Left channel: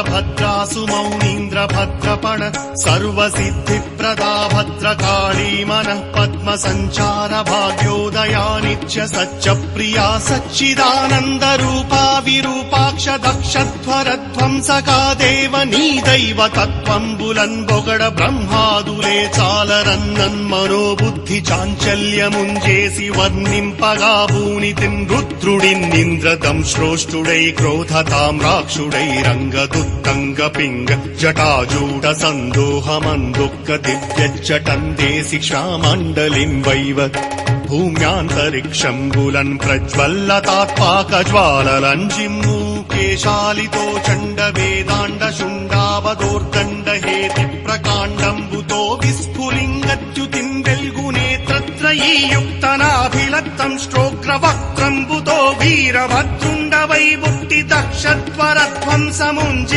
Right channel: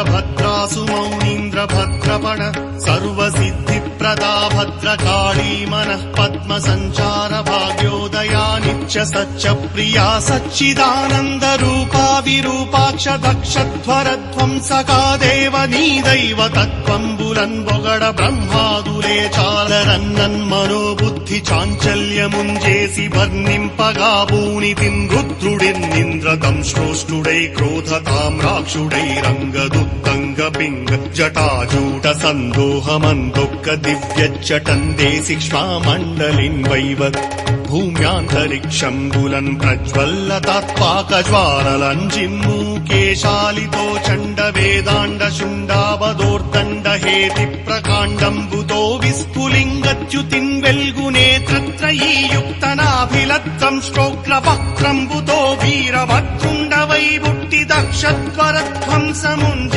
वीरभद्रासु मौनीन्द्रभद्रपण सर्वसिद्धिप्रदा भद्रकाली मनः पद्मसञ्चार भाग्योदया नित्य सच्च प्रिया सच्चिदानन्दरूपा विरूपाक्ष दक्षध्वरध्वंसका देव नी दैव तत्त्वम्बुलन् పొగడ బ్రహ్మాదులే చాలరన్నన్మనోబుద్ధి చాంచల్యముంచేసి వర్ణింపగా ఊనితిం రుద్రుడిన్నింద్రతం శ్రోష్ఠుడై క్రోధతాం రాక్షుడై రంగదుత్తంగ పింగ జటాజూట సందోహమందొక్క దివ్యచ్చటందేసి శ్వామండలిం వైవత్ భూమ్యాంతరిక్షంబులన్ ప్రజ్వల్లతాత్పాకజ్వాలరంజిమ్ము కేశాలితో చండ వేదాండ శుండావదోర్దండ హేతి ప్రకాండంబుతో విస్ఫులింగచ్యుతిం వెల్గునేత్రత్రయీయుక్తనాభిలత్తం శ్రోగ్రవక్త్రంబుతో వీరభద్రుండ వైబుట్టి దక్షత్వరధ్వంసముంజ